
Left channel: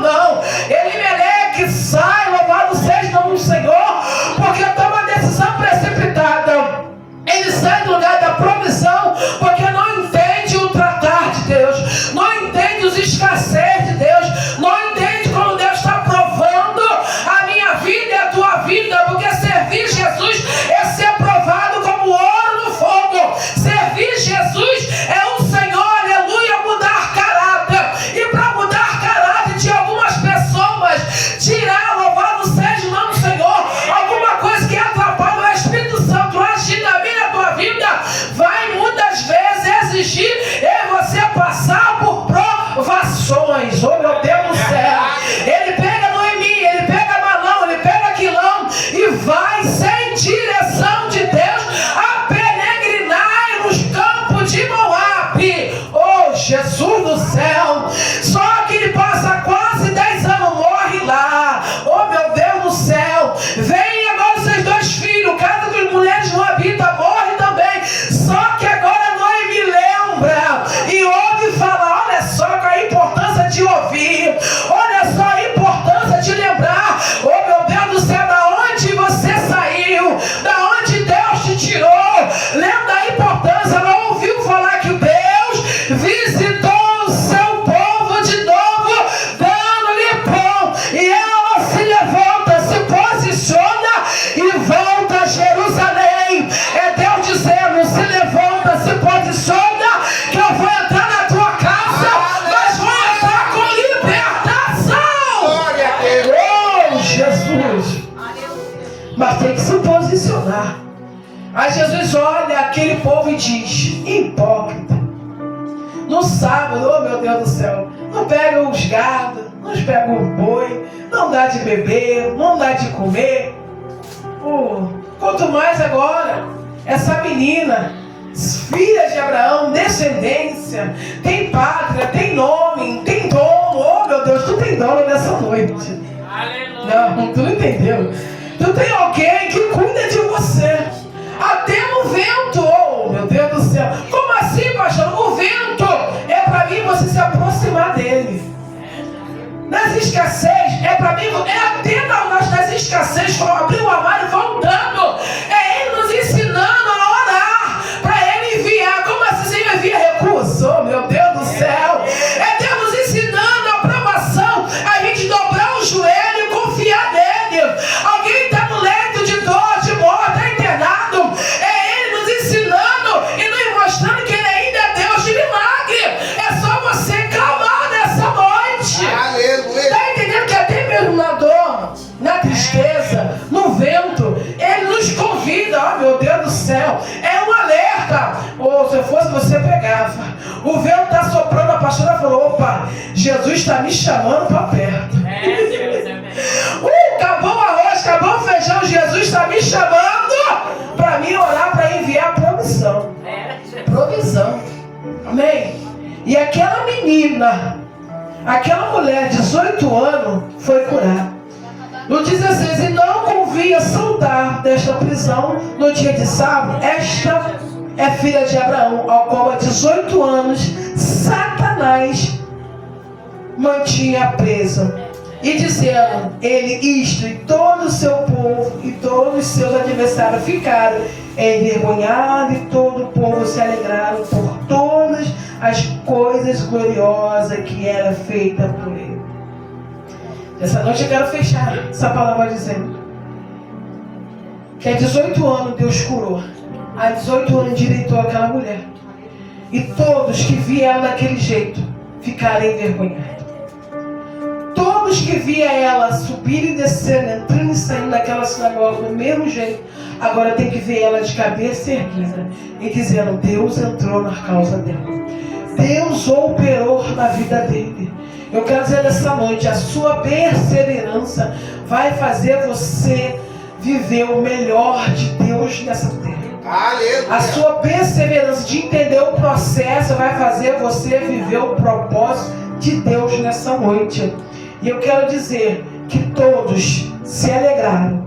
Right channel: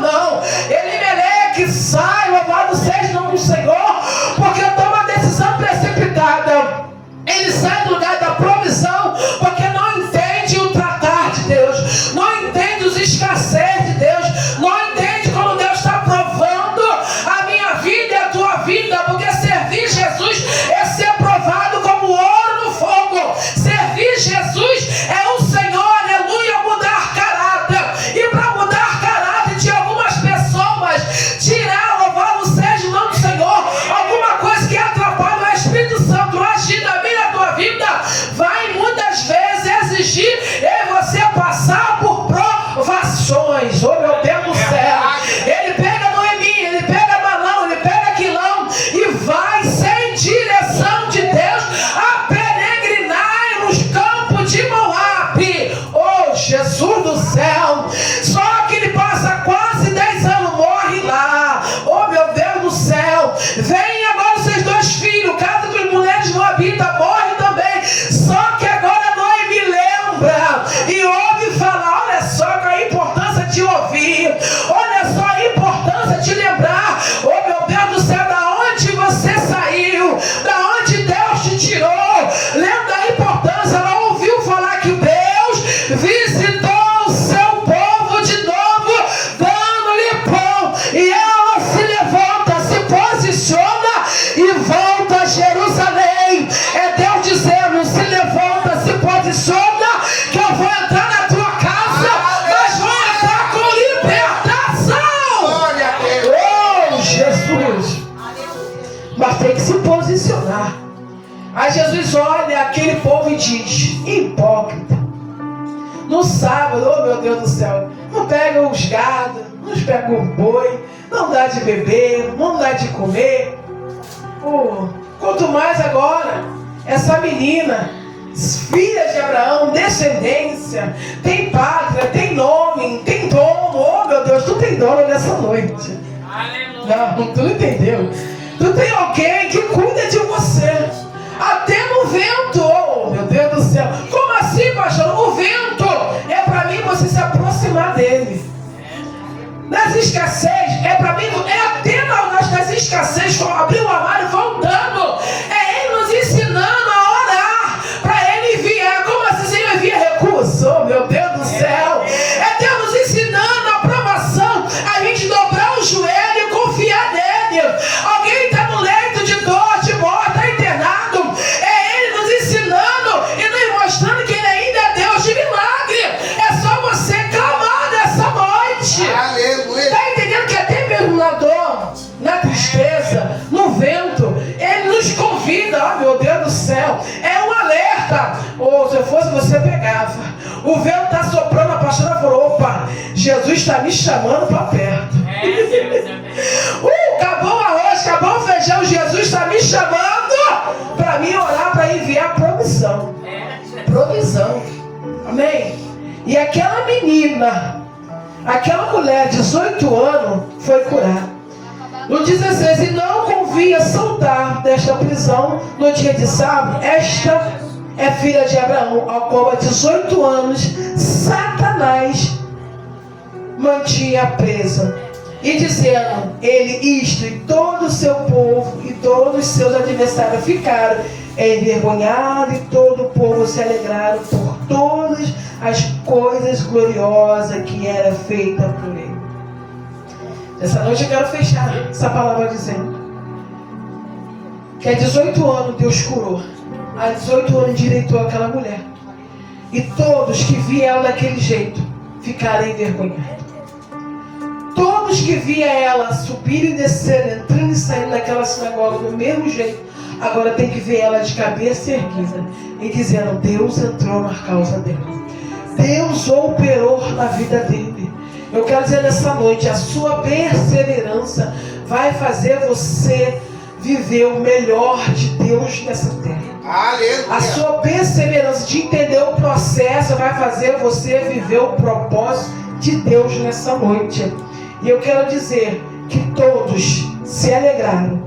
Não. Elimeleque sai, louvado seja o nome do Senhor, porque toma uma decisão precipitada. Ele sai do lugar da provisão, porque não entende o tratar de Deus, não entende os escassez de Deus, não entende como Deus está provando a minha vida e a tua vida, porque servir Jesus é ser provado como ouro no fogo. Servir Jesus é o Senhor, aleluia, mudar caráter. E para mudar caráter de algumas pessoas, tirar, louvado seja o nome do Senhor, alguma coisa que atrapalha o Espírito Santo agir na minha tua vida, vai muitas vezes exigir você passar por provações. Oh, meu Deus do céu! Ele pega Noemi, ele pega Malão, ele pega Quilão e vai sem direção de Deus a peregrinar nos campos de Moabe. Oh, Jesus do céu! Só que ele passa quase 10 anos, morre lá. Oh, meu Deus do céu! Vem agora os seus 2 filhos, casa das mulheres não habita, morre também. Só que agora Noemi lembra e ouve falar. Olha só a importância de ouvir, olha só a importância de lembrar. Oh, meu Deus do céu, da onde você saiu, da onde Deus te tirou. Lembra a importância. Ela ouviu falar que Deus visitou o seu povo de novo, dando-lhe pão, e ela se levanta, se posiciona e volta a Jerusalém. É Deus dizendo: se levanta, se posiciona, que eu vou entrar na tua casa, mas vou entrar com libertação. Oh, Jesus! Mas tem que se posicionar. Aí Jesus olha aquele povo e diz: hipócrita. No sábado, oh meu Deus do céu, não pega os gados, não pega o boi, não dá de beber, não dá de comer. Oh, quanto mais agora, essa menina, filha de Abraão, descendência, tem pátria, tem nome, tem dono. Oh meu Deus, tu tem dono nessa noite. Aleluia. Não, tu não entendeu. Tu tem alguém que cuida de você. Até no vento. Oh meu Deus do céu. Como assim, pastor? O vento é para mim você se aproximar dele. Nas escassez, é para mim, é até nas escassez, abrir o armário voltando. É ele nos ensinando a orar, para ele enviar. Como assim você envia recurso? Oh meu Deus do céu. É Deus nos ensinando a aprovação, a gente dobrar o joelho e confiar nele. Alguém está no leito de dor, de morte, está internado. É ele nos ensinando e nos mostrando que ele ainda é Deus de milagre. É só você clamar nessa noite. Aleluia. Está entendendo que até mesmo na dor, na tristeza, no vento, ele nos convida. Oh meu Deus do céu, é um alerta. Ou se eu fosse você, pegava. O vento está soprando, a pastora falou: opa, Jesus está me chamando para perto. Acabou o arroz, acabou o feijão, Jesus está me chamando para mim orar, para enviar provisão. Provisão. Amém? E aquela menina, aquela mulher de 18 anos foi curada. No 16, e não com convia soltar desta prisão no dia de sábado. Esta é filha de Abraão, ao qual há 18 anos Satanás mantinha presa. E dizendo ele isto, e todo o seu povo e todos os seus adversários ficaram envergonhados, e todo o povo se alegraram por todas as coisas gloriosas que era feita por ele. Essa noite eu quero fechar essa palavra dizendo que há 18 anos Deus curou. Há 18 anos endireitou aquela mulher. E todos que viam ela daquele jeito ficaram envergonhados. Todos que viam ela subir e descer, entrando e saindo daquela sinagoga do mesmo jeito, agora tem que ver ela de cabeça erguida e dizendo: Deus entrou na causa dele. Deus operou na vida dele. Eu quero dizer nessa noite, a sua perseverança vai fazer você viver o melhor de Deus nessa terra. Aleluia. A sua perseverança de entender o processo vai fazer você viver o propósito de Deus nessa noite. E eu quero dizer que todos se alegraram,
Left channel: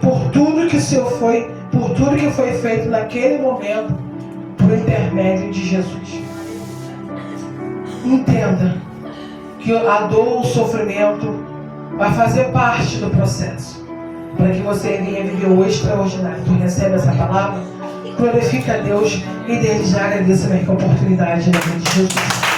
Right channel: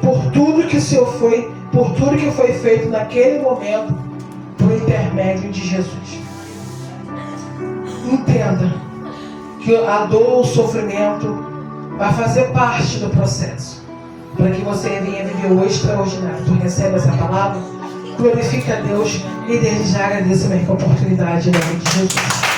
por tudo que o Senhor foi, por tudo que foi feito naquele momento, por intermédio de Jesus. Entenda que a dor, o sofrimento vai fazer parte do processo, para que você venha viver o extraordinário. Tu recebe essa palavra, glorifica a Deus e desde já agradeço a minha oportunidade na vida de Jesus.